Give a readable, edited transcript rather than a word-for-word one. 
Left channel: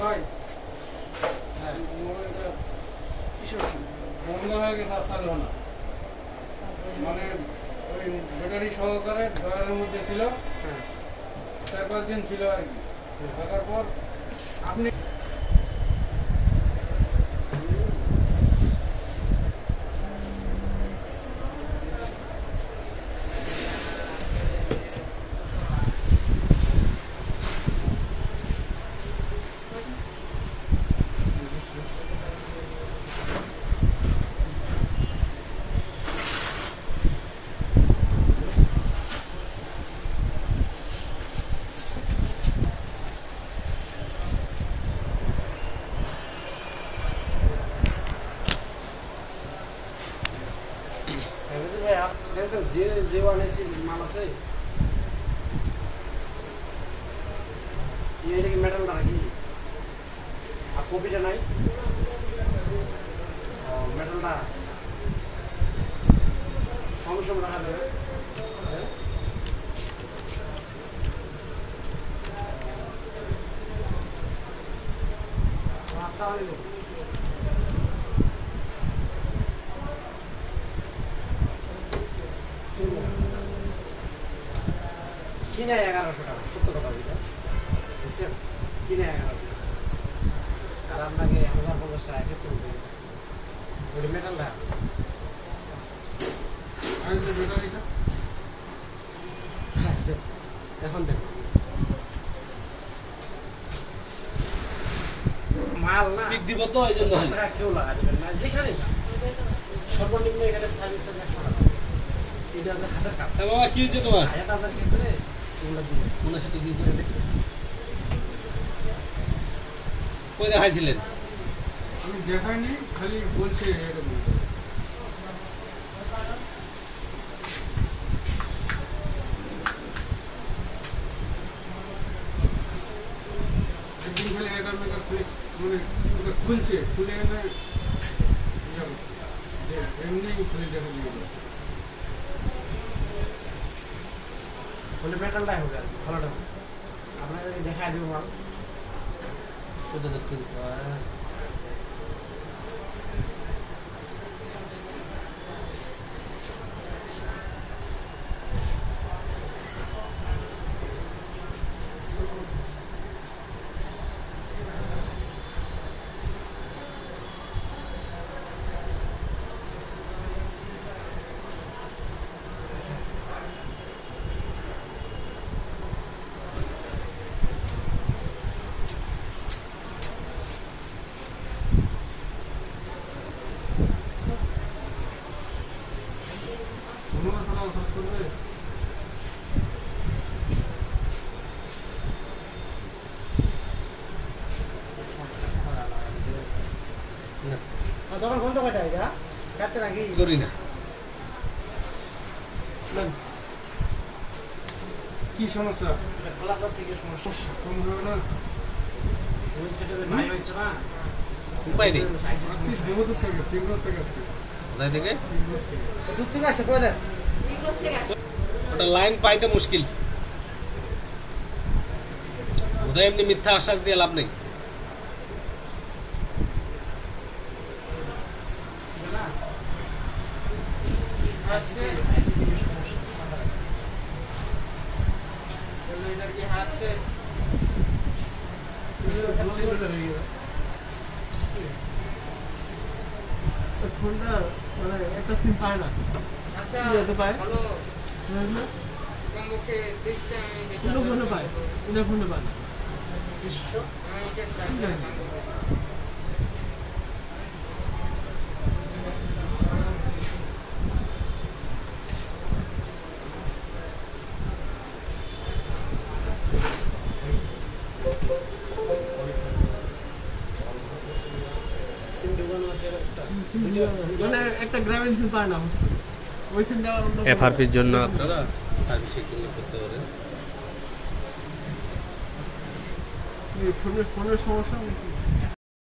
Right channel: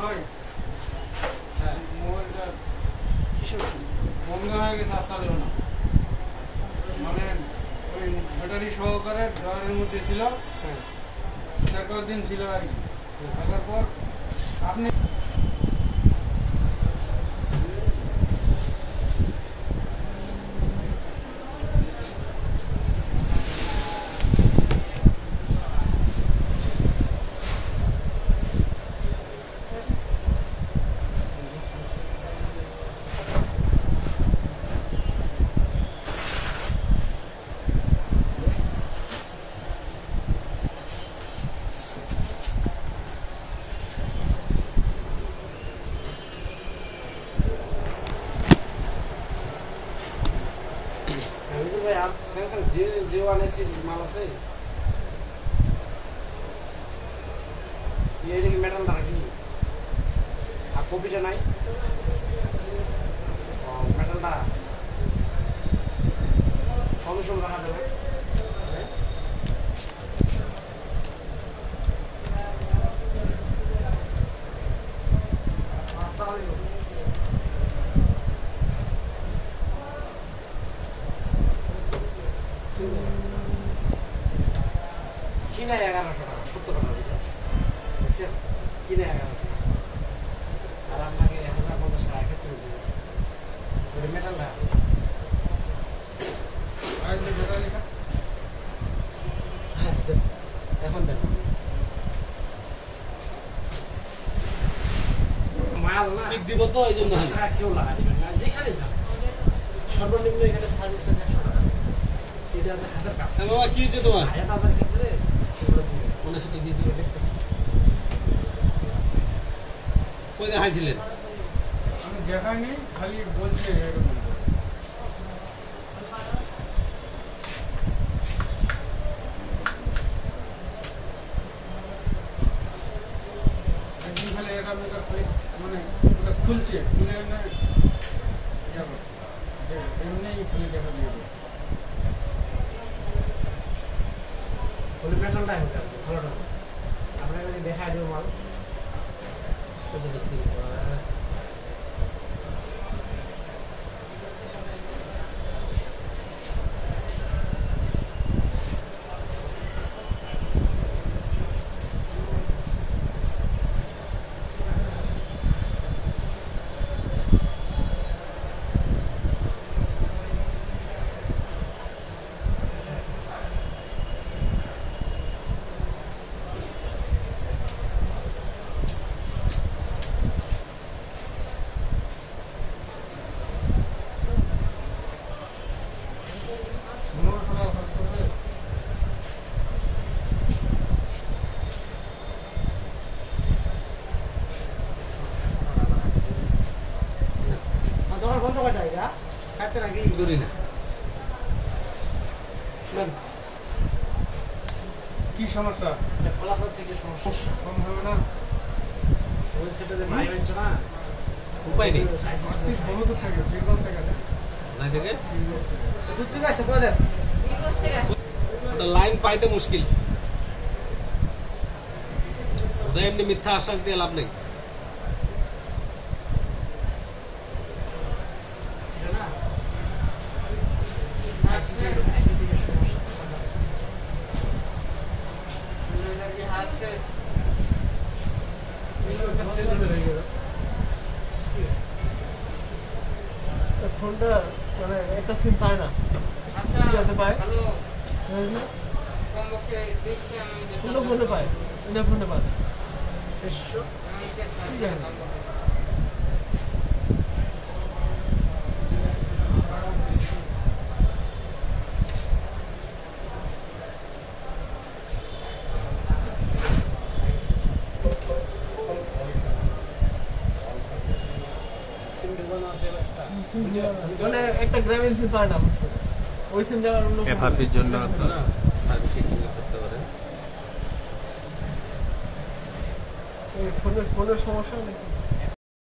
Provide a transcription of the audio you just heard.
ভাই মোবাইলটা কিসের বন্ধ হয়ে গেছে, আসলে না মানে ওই ব্যাটারি সহকারে ড্রয়ারের মধ্যে ছিল, 4-5 দিন ছিল আর কি। তারপর আপনি স্যামসাং J1AC মাল আছে, এটা কি মেটালটা নাকি? আর কপিটা নাই? মেটালটা সমস্যা রাখা যাবে। কিনে 1100 টাকা, সত্য কথা বলছে, বুঝছেন? কিনে 1100 টাকা, আর আপনাকে 1050 টাকা ক্ষেত্রে দেবে। ওই মেটালটা আছে এখন দেখুন মাল না দিব তো, এই জন্য কেউ লাগা দেবেন না, যেখানে যান সর্বনিম্ন এখানে সার্ভিস 100 টাকা। এটা আপনার হাতের কাজ। বাবা কি হয়েছে তোমার? 1000 ক্ষেত্রে মনে সেটা দিয়ে দিলে দেখতেছি। কই দেখাইছিলেন? আমি দেখাইনি, খালি বলছে এরকম। একদিন খালি এটা মানে খুলছে, খুলে এমনি খুলে দেখা দিয়ে মেটালটাই হোক ভালোটা আপনাকে দেখা দেবো মাল সেটা দেখতে দিতে পারে। দোকান বন্ধ কয়টা এটা? 7টা নাকি? করি না। কি সমস্যা? এটা প্লাসার থেকে সমস্যা। কম হবে না? ওই সেটাতে ভাই হয়েছে না? উপায় নেই। বহু দূর থেকে, 3 বছর থেকে আছে। কোথায় থেকে? দূর থেকে আসছে, করে দেন। ওটা লাইন পাইতে মুশকিল। ওদের এমনি মিথ্যা আশ্বাস দিয়ে লাভ নেই। ফোনটা মানে একটা সিম পায় না, হতে পায় ফোনে পায়, এটা ফোনে পায়। মানে একটা গ্রামীণ সিম পায় না, ওই সিমটা এফআরপির জন্য আপনারা সার্ভিসিং করতে পারেন। ফোনের সমস্যা